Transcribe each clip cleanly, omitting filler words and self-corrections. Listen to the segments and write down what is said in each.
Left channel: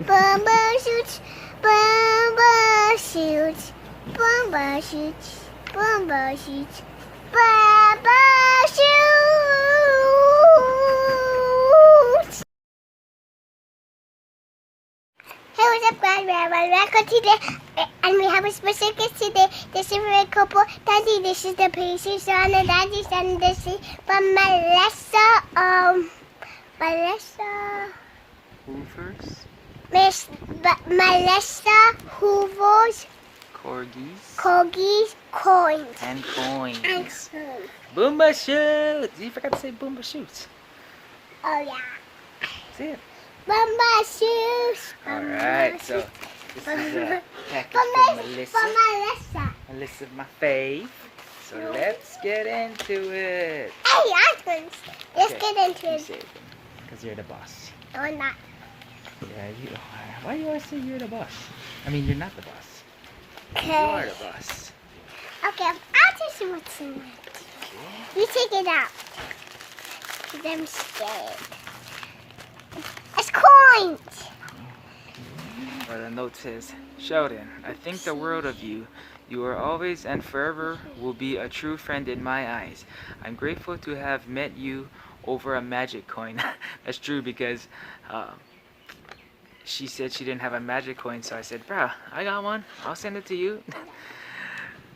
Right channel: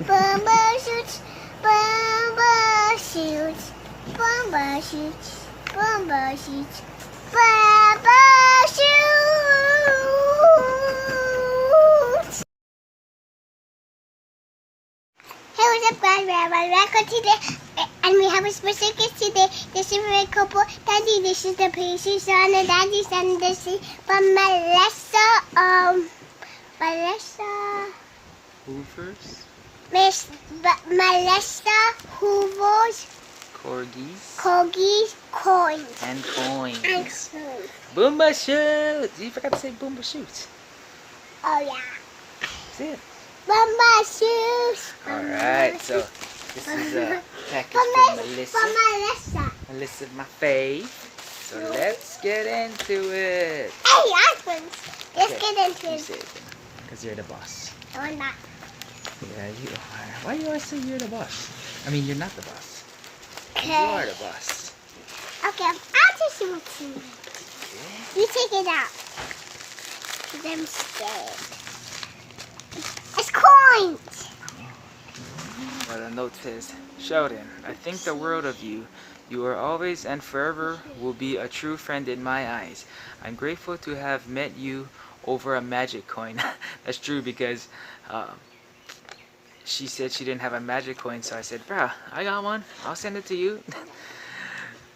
BOOMBA SHOOTS, BOOMBA SHOOTS, BOOMBA SHOOTS, BOOMBA SHOOTs, BOOMBA SHOOTS. Hey, what's up, guys? We're back today, and we have a special guest today. This is a couple. Daddy, this is the Paisley son, and Daddy son. This is Melissa. Hoovers. Melissa Hoover's Corgies&Coin. And coins. BOOMBA SHOOTS! You forgot to say BOOMBA SHOOTS. Oh, yeah. Say it. BOOMBA SHOOTS. Alright, so this is a package for Melissa. Melissa, my fave. So let's get into it. Hey, let's get into You it. say it then, because you're the boss. No, I'm not. Yeah, you are. Why do you always say you're the boss? I mean, you're not the boss. Okay. You are the boss. Okay, I'll just do what's in it. You take it out. 'Cause I'm scared. It's coins. Well, the note says, Sheldon, I think the world of you. You are always and forever will be a true friend in my eyes. I'm grateful to have met you over a magic coin. That's true because she said she didn't have a magic coin, so I said, Brah, I got one. I'll send it to you.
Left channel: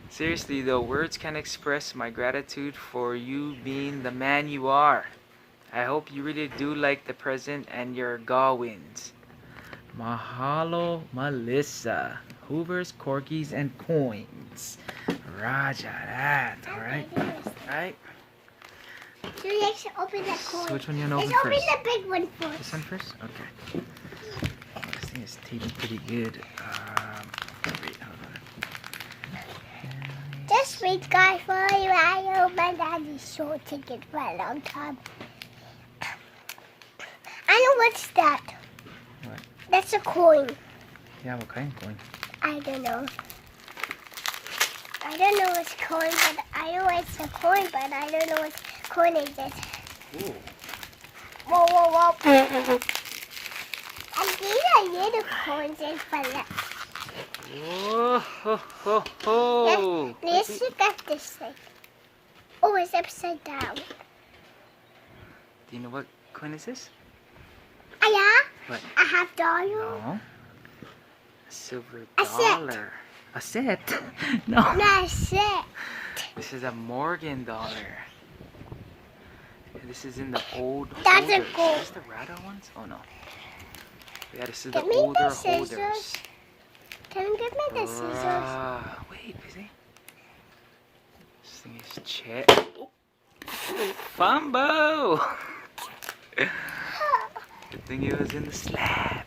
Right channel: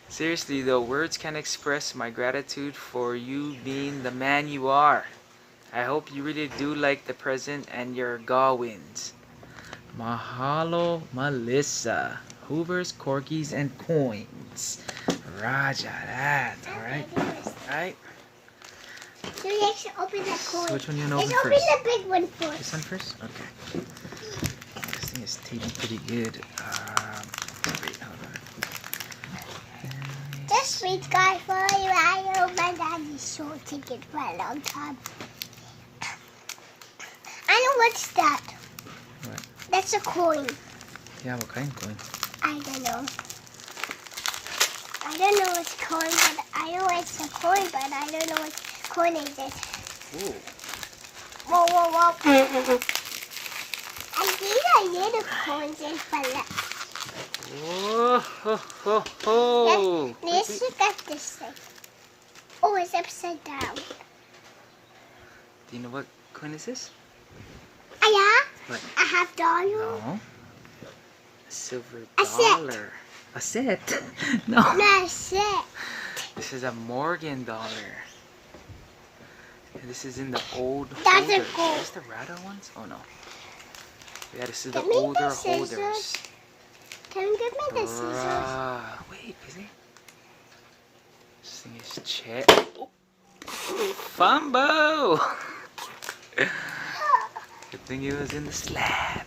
Seriously though, words can't express my gratitude for you being the man you are. I hope you really do like the present and your gaw wins. Mahalo, Melissa. Hoover's, Corgies, and Coins. Roger that. Alright? Alright? So you should open that coin. So which one you want to open Let's first? open the big one first. This one first? Okay. This thing is taping pretty good. Wait, hold on. Just wait, guys, for you. I know my daddy's show ticket for a long time. I know what's that. What? That's a coin. Yeah, what kind of coin? I don't know. I don't know what's coin, but I know it's a coin, but I don't know what coin is it. Ooh. Whoa, whoa, whoa. I think I need a coin in Philips. Whoa, ho, ho, ho. Let's look at this thing. Oh, it's upside down. Do you know what coin is this? Yeah? What? I have dollar. No. A silver A set. dollar. A set? No. No, set. This is a Morgan dollar. This is in the old That's a holders. gold. Is this the Rada ones? Oh no. Yeah, this is the Give me the older scissors. holders. Can you give me the scissors? Brah. Wait, is it? This thing is Chet. Oh. Fumbo! Good thing it was in the slab.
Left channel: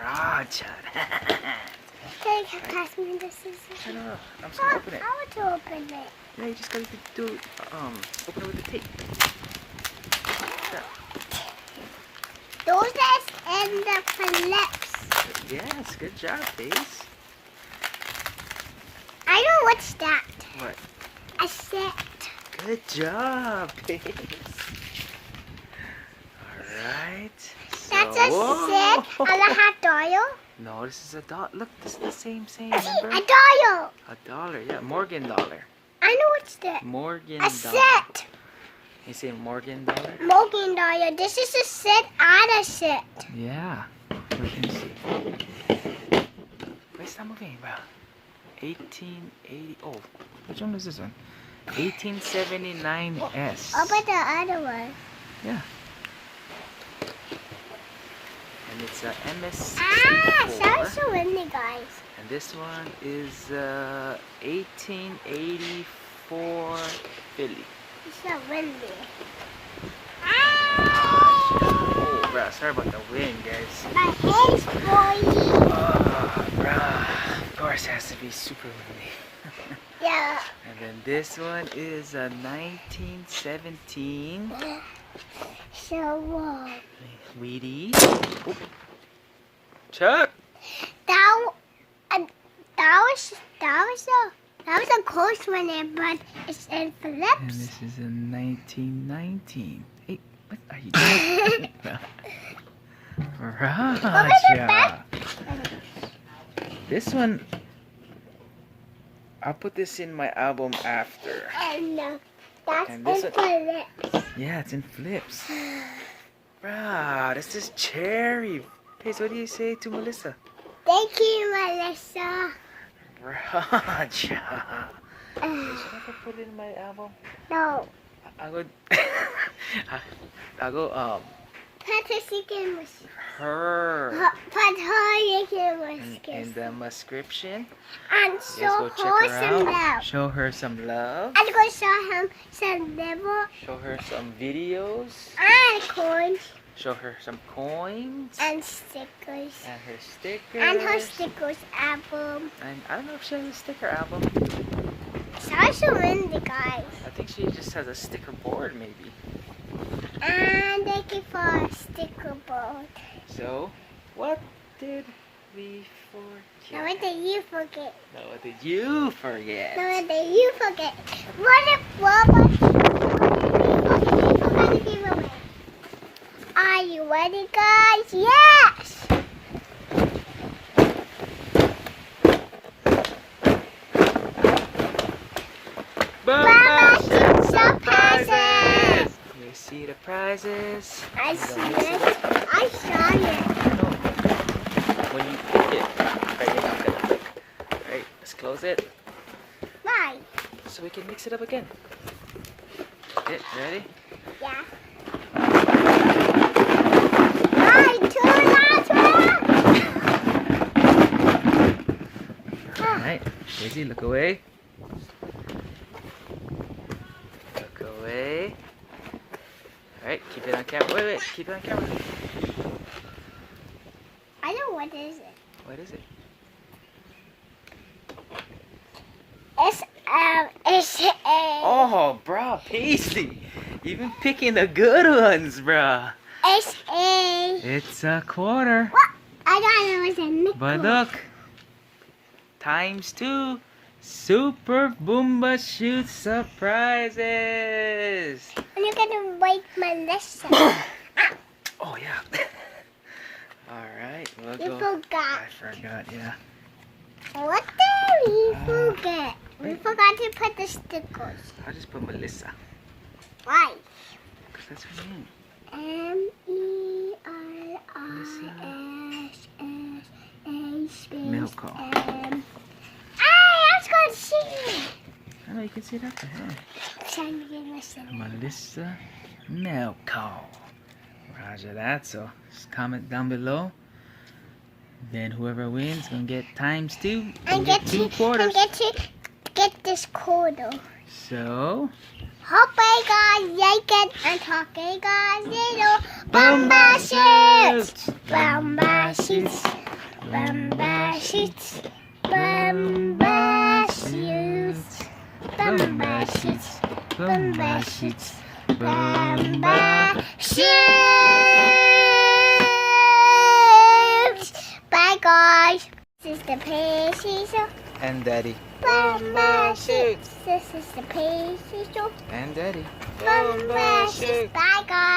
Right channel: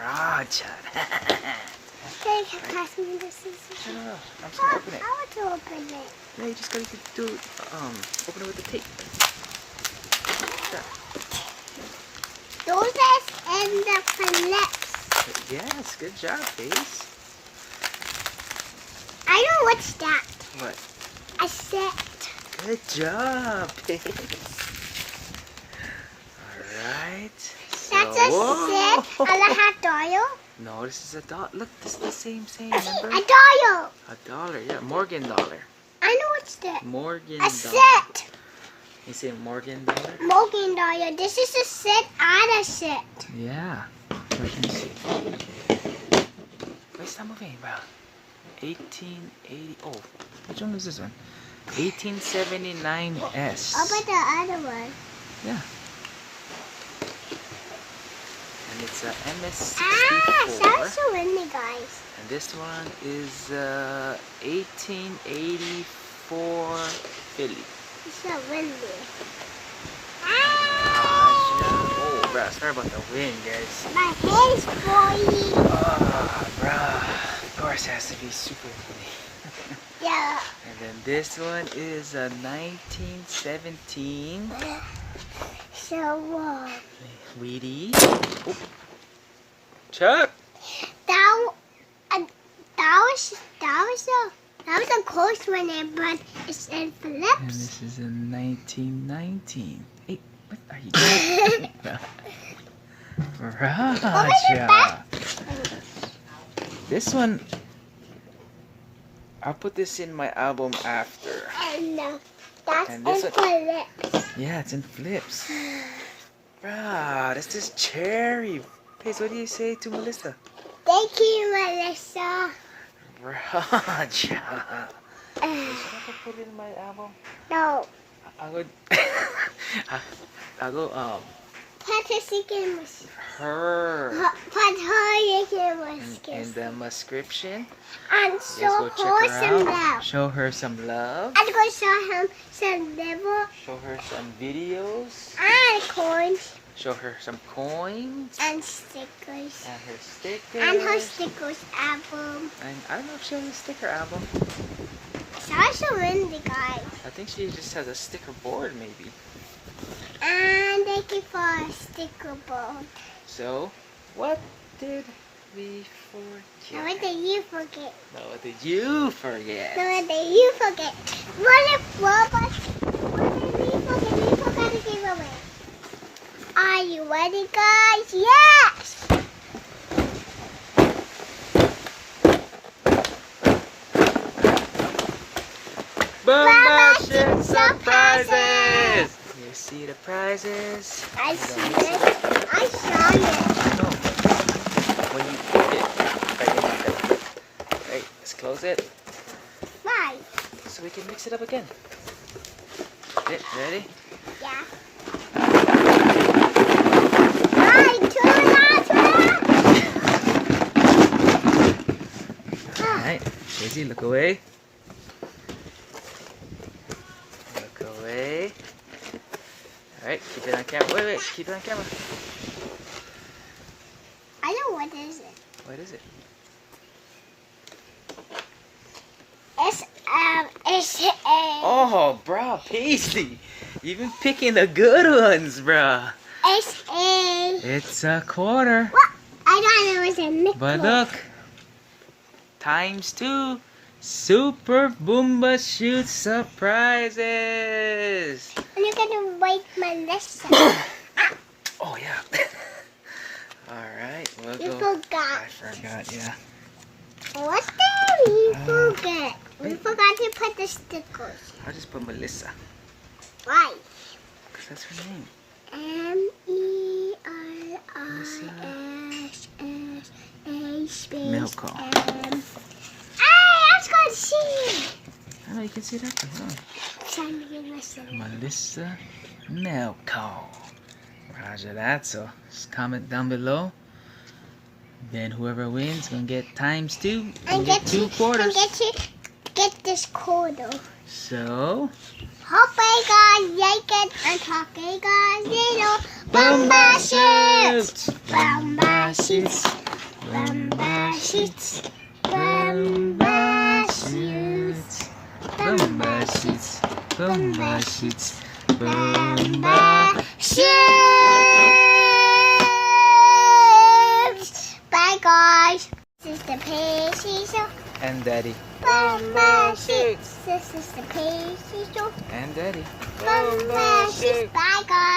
Roger. Can you pass me the scissors? No, I'm just gonna open it. I want to open it. Yeah, you just gotta do open it with the tape. Yeah. Those is in the Philips. Yes, good job, Pace. I know what's that. What? A set. Good job, Pace. Alright. That's a set. Aloha dollar. No, this is a dollar. Look, this is the same, A remember? dollar. A dollar, yeah. Morgan dollar. I know what's that. Morgan A dollar. set. You say Morgan dollar? Morgan dollar. This is a set and a set. Yeah. We can see. Wait, stop moving, bro. 1880. Oh, which one is this one? 1879S. Open the other one. Yeah. And it's a MS64. Sounds so windy, guys. And this one is 1884 Philly. It's so windy. Oh, bruh, sorry about the wind, guys. My face boy. Oh, bruh. Of course, it has to be super windy. Yeah. And then this one is a 1917 So Weedy. Oh. Chuck. That was a close one there, but it's in And Philips. this is in 1919. Hey, what are you doing? Raja. This one, I'll put this in my album after. And that's And this in one- flips. Yeah, it's in flips. Bruh, this is cherry. Paige, what do you say to Melissa? Thank you, Melissa. Raja. Should I put it in my album? No. I'll go. I'll go. Patrick was. Her. In the description. And Just show go check her her some out. love. Show her some love. I'm going to show him some liver Show her some videos. and coins Show her some coins. and stickers. And her stickers. And her stickers album. And I don't know if she has a sticker album. So I show in the guys. I think she just has a sticker board, maybe. And thank you for a sticker board. So, what did we Now forget? what did you forget? No, what did you forget? Now what did you forget? What did we forget? Are you ready, guys? Yes! BOOMBA SHOOTS surprises! You see the prizes? I see it. I saw it. Alright, let's close it Mine. so we can mix it up again. Okay, ready? Yeah. Mine, two last Alright, Daisy, look away. Look away. Alright, keep it on camera. Wait, keep it on camera. I know what is it. What is it? It's a. Oh, bruh, Paisley. You've been picking the good ones, bruh. It's a. It's a quarter. What? I thought it was a nickel. But look. ×2. Super BOOMBA SHOOTS surprises. And you're gonna wake Melissa. Oh, yeah. Alright, we'll You go. forgot. I forgot, yeah. What did we forget? We wait. forgot to put the stickers. I'll just put Melissa. Right. Because that's her name. MELISSA space Milko. Hey, let's go and see. I know you can see that. Huh? Trying to get Melissa. Melissa Milko. Roger that. So just comment down below. Then whoever wins gonna get ×2. And Get two quarters. And get this quarter. So Hope you guys like it and talk to you guys later. BOOMBA SHOOTS! BOOMBA SHOOTS! BOOMBA SHOOTS! BOOMBA SHOOTS! BOOMBA SHOOTS! BOOMBA SHOOTS! BOOMBA SHOOTS! Bye guys. This is the Paisley Show. And Daddy. BOOMBA SHOOTS! This is the Paisley Show. And Daddy. BOOMBA SHOOTS. Bye guys.